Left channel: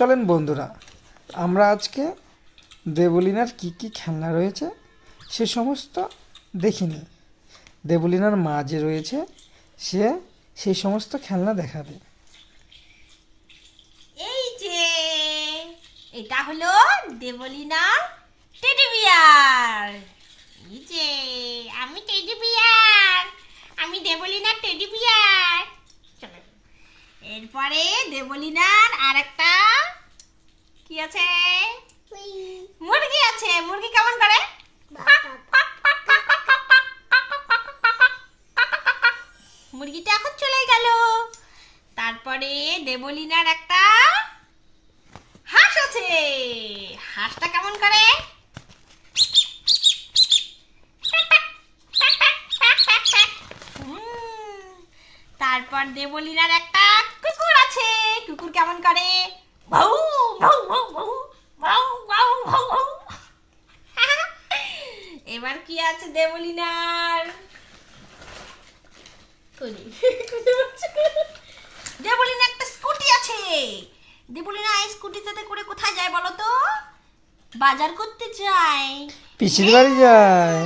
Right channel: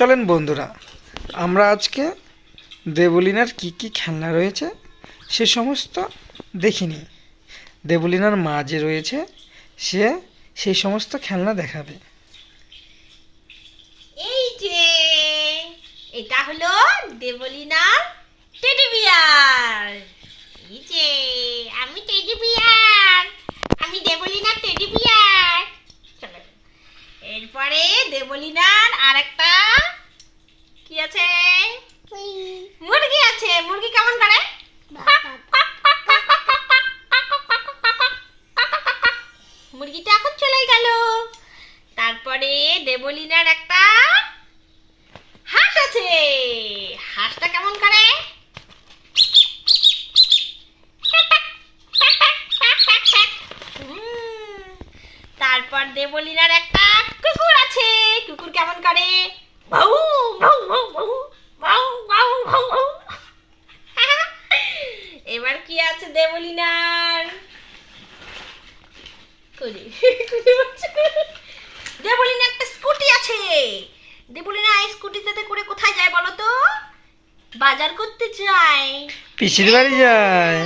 চলেন বন্ধুরা, আমরা আজকে দেবলিনার কি কি খেলনা রয়েছে সে সমস্ত দেখিনি। দেবলিনার মা যে রয়েছে সে সেই সমস্ত খেলনা দেখাবে। এই যে এটা হলো দেবলিনার টেডি বিয়ার। এই যে আমি টেডি বিয়ার, আমি দেবলিনার টেডি বিয়ার। চলো, এরপরে দেবলিনার আরেকটা কি আছে, মুরগি আছে। মুরগি কেমন করে? মুরগিটা এখন চলে গেল। তারপরে দেবলিনার একটা হাঁস আছে। হাঁসটা কেমন করে? তারপর দেবলিনার একটা কুকুর আছে। কুকুর কেমন করে? ভাউ ভাউ ভাউ ভাউ ভাউ ভাউ ভাউ ভাউ। এবার কি আছে দেবলিনার? দেবলিনা একটা স্কুটি আছে। দেবলিনা এই স্কুটিতে করে কোথায় যায় বলো তো? বাজার করতে যায়। পিসির বাড়ি যায়।